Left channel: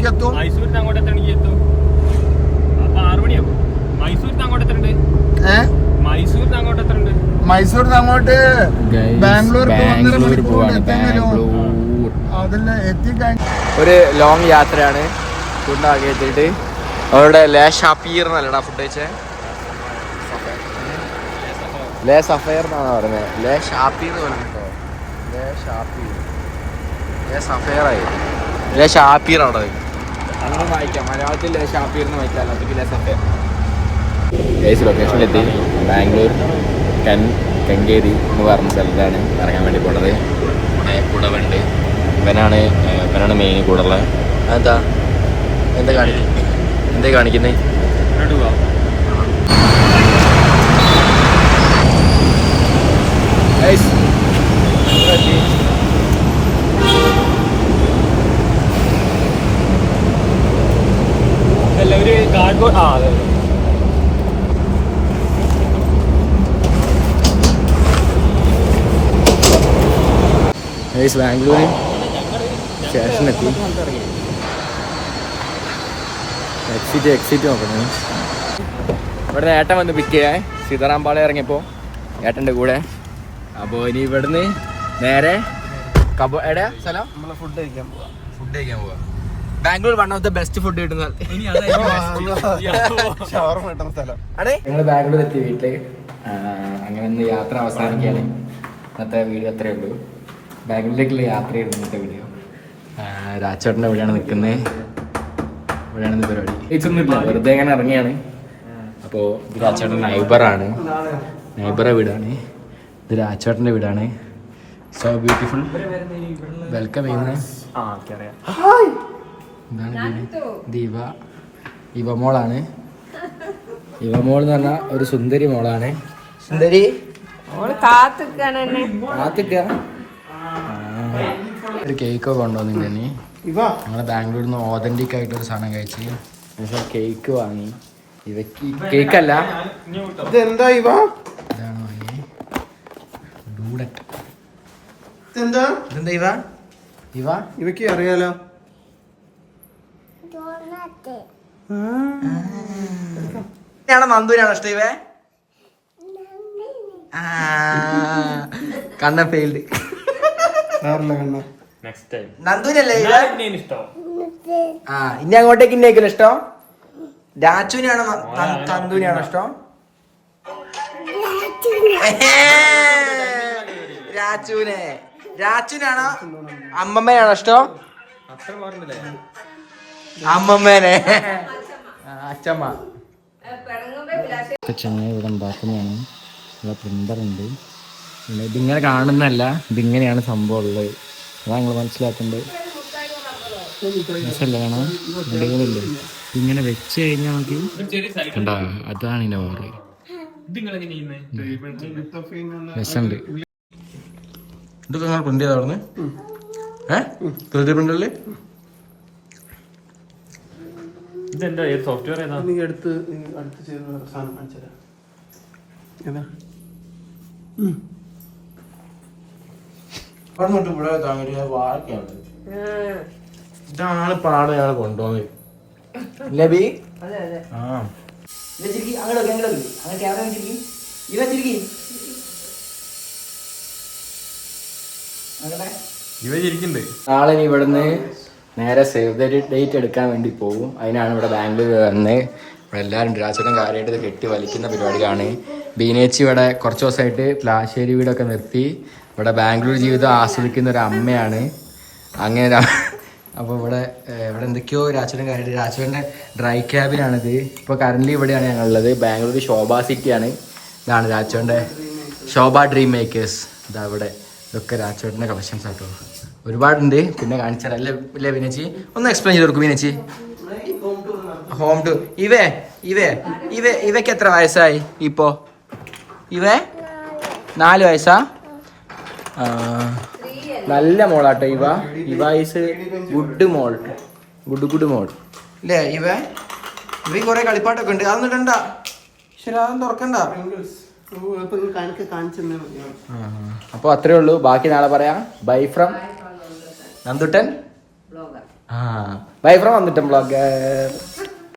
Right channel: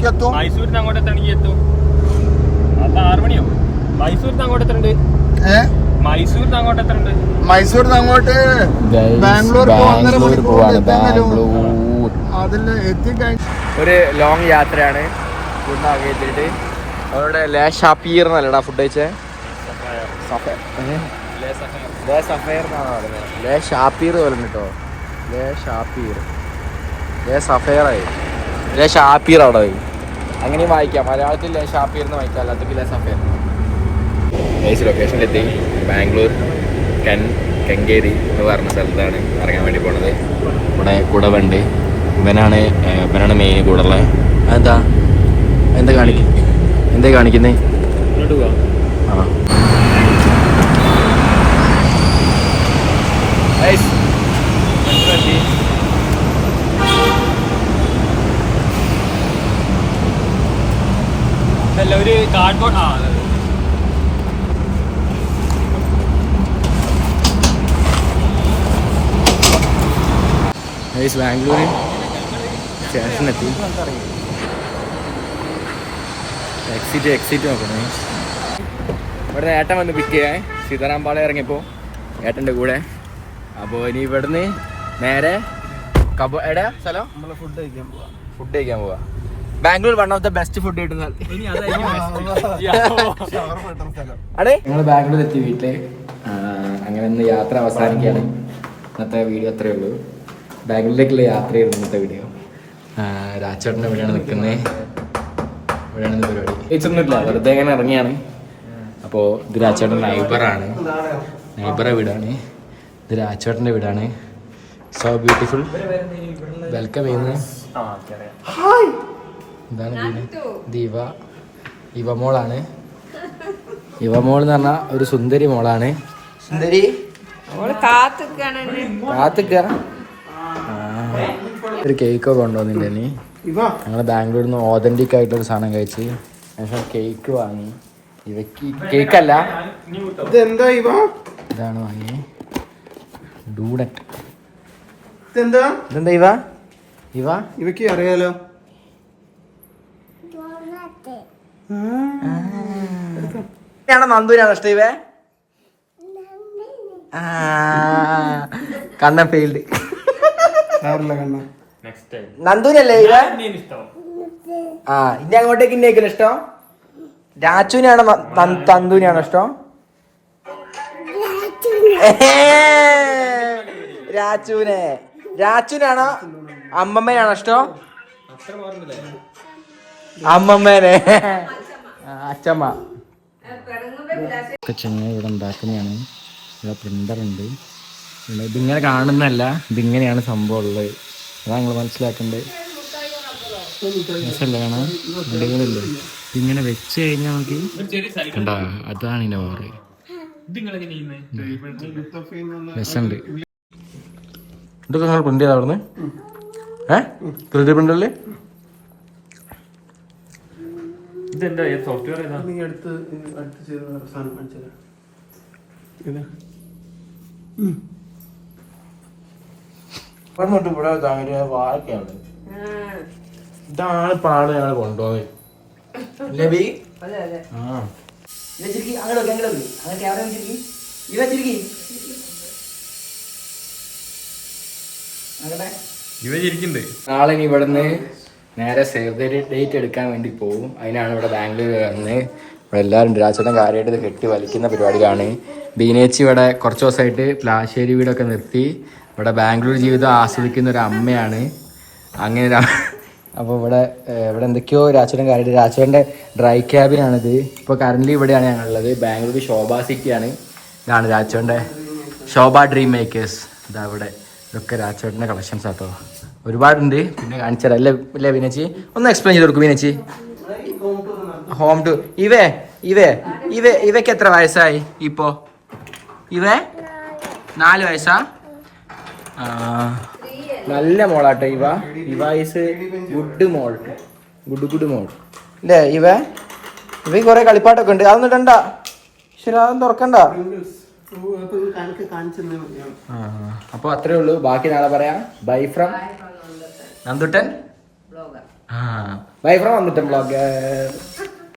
മണിക്ക് എത്തും മൈസൂരിന് അങ്ങോട്ട് എത്തും. അപ്പൊ ആറ് മണിയാവും. മൈസൂരിന് അങ്ങോട്ട് മൈസൂരിന് അങ്ങോട്ട് ബാംഗ്ലൂർക്ക് ഒന്നര മണിക്കൂർ അതിൽ എത്തിക്കഴിഞ്ഞ ഒരു ലോങ് യാത്രയാണ്. ഫുഡ് എത്തിയിട്ട്. അവരുടെ ലേ ഷാപ്പീർ എന്നല്ലടാ ഫുഡ് കഴിച്ചേ? ലേ സഫയർ എന്നാണ് പറഞ്ഞത് ലേ ഷാപ്പിയർ പോലെ കേട്ടോ. ലേ ഷാപ്പിയർ ലേ സഫയറായി ലേ ഷാപ്പീർ അവിടെ പോയി അങ്ങനെ വായിക്കാം. മലയാളത്തിൽ ഷാപ്പിൽ നിന്ന് വായിക്കാം അല്ലാത്ത സഫയർ ഏസ് ലൊക്കേഷനിലെത്തി ബാംഗ്ലൂർ കെൻ കെങ്കേരി എന്ന് പറഞ്ഞ സ്ഥലത്താണ് ഇറങ്ങാൻ വേണ്ടി പോണത്. ഇവിടെ കൂടെ വണ്ടി ഇങ്ങനെയാണ് ഇങ്ങനെയാണ് മെയിൻ കൂടെ ഉള്ളത്. എന്താ? എന്താ കാണിക്കുന്നത് എന്താ കാണിക്കുന്നത് മുന്നോട്ട് പോവാ അല്ല ഒരു കാർഡ്ബോർഡ് ആ അതെ ഗൈസ് ബാംഗ്ലൂർ സ്റ്റേഷനെത്തി എക്സിറ്റ് എക്സിറ്റ് നോക്കണേ ഇവിടെ ഏട്ടൻ വന്ന് പിക്ക് ചെയ്യാൻ സീതാറാംപാളയം ഇറങ്ങിയപ്പോൾ ഏട്ടന്റെ കൂടെ. അപ്പോൾ ഇനി ഇവിടുന്ന് നേരെ കബ എടെ സ്ഥലം? നമ്മൾ ഫുഡ് കഴിക്കാൻ പോവാ. ഫുഡ് കഴിക്കാൻ പോവാ. Bangalore one of the best food കിട്ടുന്ന ഞങ്ങൾ ബാംഗ്ലൂർ എത്തി വീട്ടിൽ. അങ്ങനെ ഒന്ന് യാത്ര അവസാനിക്കുകയാണ്. ഇന്നത്തെ വീഡിയോ അത്രയേ ഉള്ളൂ. ബാംഗ്ലൂരിലേക്കുള്ള യാത്രയായിരുന്നു ഇന്നത്തെ വീഡിയോ രാജേട്ടന്റെ ഇവിടെയാണ് നിൽക്കുന്നത് ഇവിടെയാണ് ഇന്ന് പരിപാടി. ഇതൊന്നുമില്ല വെറുതെ ഇങ്ങനെ ഇറങ്ങിയാണ്. അപ്പോൾ ഇത് രാജേട്ടന്റെ നൈബറാണ് നൈബറെ വീടാണ്. ഇത് രാജേട്ടന്റെ വീടാണ്. സോ ബ്യൂട്ടിഫുൾ വെൽക്കം ചെയ്യുന്നത് ഇതാണ് വീട് ദീപ ഇവ മോളാണ്. ഇവ മോൾ എന്ന് പറഞ്ഞാൽ ഒരു സുന്ദരി മോളാണ്. സുന്ദരി. കാത്തുക്കാണ്. കാത്തിക്ക? ഒരു കേക്കൊക്കെ കൊണ്ടുവന്നില്ല ഇനി. ഞങ്ങൾ ബാംഗ്ലൂരിൽ നിന്ന് ഓതന്റിക് ആയിട്ടൊരു സാധനം കഴിച്ച് ശേഷം കേക്ക് വാങ്ങി. ഇവയ്ക്ക് കേക്കല്ല ഇതെന്താ ഇവ? ഇതാണ് വാങ്ങി ഡൂഡറ്റ് ഇതെന്താ? ഇതെന്താ ഇവ? ഇവ? ഇവയ്ക്ക് അറിയാലോ. ാണോ നന്ദുവിനാണോ ഇഷ്ടം ഇവ? കണ്ണ ഫെയിൽഡ് കണ്ണ നന്ദുവിനല്ലേ ഇത്? ആ ഇനി അങ്ങോട്ടേക്ക് ഇന്നേക്കല ഇഷ്ടം? രാജുവിനാണ് തന്തുവിനാണ് ഇഷ്ടോ? രാജുവിനെ. രാജുവിനാണോ അമ്മമ്മയാണോ ഇഷ്ടം? അമ്മമ്മേനെ. അച്ഛമ്മ. അച്ചമ്മ ചെങ്ങ ഇവിടെ ഉണ്ടാക്കുന്നതാണ്. ഇവിടെ പ്രിന്റർ ഉണ്ട്. ഇതിങ്ങനെ കാണുന്നല്ല ഇതിങ്ങനെയാണ് സംഭവം ഉള്ളത്. അതാ നിങ്ങൾ മനസ്സിലാക്കേണ്ടത് രസമല്ലേ കാണാൻ അടിപൊളിയല്ലേ? ഇതിങ്ങനെ വെച്ച് കഴിഞ്ഞാൽ നമുക്ക് കണ്ടാ? അതാണ് ഇതിന്റെ ഓറ്. ഇത് നിങ്ങൾ എങ്ങനെ ചെയ്യുന്നത് രസമുണ്ട്. ഇതൊക്കെ നിങ്ങൾ പ്രിന്റ് ചെയ്താ അവിടുന്ന് ഏഹ് ത്രീ ഡി പ്രിന്ററിൽ ഇതെന്താ? സോഫ്റ്റ്വെയർ ഏതാ? നീ അടുത്ത് അടുത്ത് ചെയ്ത സാധനം കാണിച്ചത് ഏതാ? പറഞ്ഞിട്ട് ഇവിടെ വാഴക്കാണ് ഇതാണ് പാട് ഞങ്ങൾ കൊണ്ടുപോകുന്നത്. നബി ആ. അങ്ങോട്ട് അങ്ങോട്ട് അങ്ങനെ ക്യാമറ വെച്ചിരിക്കും വെച്ചിരിക്കും നാളെ ഇനി ഇവിടുന്ന് നേരെ സേവ് ദ ഡേറ്റ് എടുക്കാൻ വേണ്ടി പോകും അതിനാണ് ഇവിടെ ബാംഗ്ലൂർ വന്ന് ഇവിടെ എല്ലാവരും രാജേട്ടൻ കാര്യമായിട്ട് ഇത് കെട്ടി വലിക്കുന്ന പരിപാടിയാണ് ബീനേച്ചി ഇവിടെ കുറച്ച് ദിവസമായിട്ട് പ്ലാശ്ശേരി വീടൊക്കെ നിർത്തി. ഇവിടെ ബാംഗ്ലൂർ ജീവിതം ആസ്വദിക്കുന്ന ഒരു അമ്മയാണ്. അങ്ങനെ അപ്പോൾ ഇവിടെ ഇവിടെ എന്തൊക്കെയോ രാജേട്ടൻ കാര്യമായിട്ട്. രാജേട്ടന്റെ ഡ്രൈ ക്യാബിനാണിത് ഇപ്പോൾ കറന്റ് ഇവിടെയാണ് ഞങ്ങളുള്ളത്. ബാംഗ്ലൂർ ശോഭ സിറ്റിയാണ്. ഇതാണ് രാജേട്ടന്റെ ശോഭ ഡ്രീം മേക്കേഴ്സ് ഇതാ ഇവിടെ ഇതൊക്കെ രാജേട്ടന്റെ കളക്ഷൻസ് ആട്ടോ. ഒരുപാടുണ്ട്. പിന്നെ കാണിച്ചാൽ അല്ലേ ഇല്ലേ വിനച്ചി? ഒന്ന് എക്സ്പ്ലെയിൻ ചെയ്ത് കൊടുക്കും വിനച്ചി. ഹോം ടു ഇവേ ഇവേ ഇവേ ഇവയ്ക്ക് എത്ര വയസ്സായി ഇപ്പോൾ ഇവേ നാല് വയസ്സാ? ആ, നല്ല മോളാട്ടോ ഇവ. ഇവ ഈസ് ഗുഡ് മോൾ. ഗുഡ് ഗുഡ് മോൾ. അല്ലേ ഇവ? ഇവ കുറെ കളിപ്പാട്ടൊക്കെ ഉണ്ട്. അതൊന്നും ഇടണ്ട. ശരി അതൊന്നും തുറക്കണ്ട. അപ്പൊ കാണിച്ചെന്നേ മതിയാവും അപ്പോൾ അത്രേ ഉള്ളൂ. ബാക്കി നാളെ പറയാം. Bye from Nanduttan? ബ്ലോഗർ ആ ബൈ ഫ്രം വന്നിട്ടൻ ബ്ലോഗർ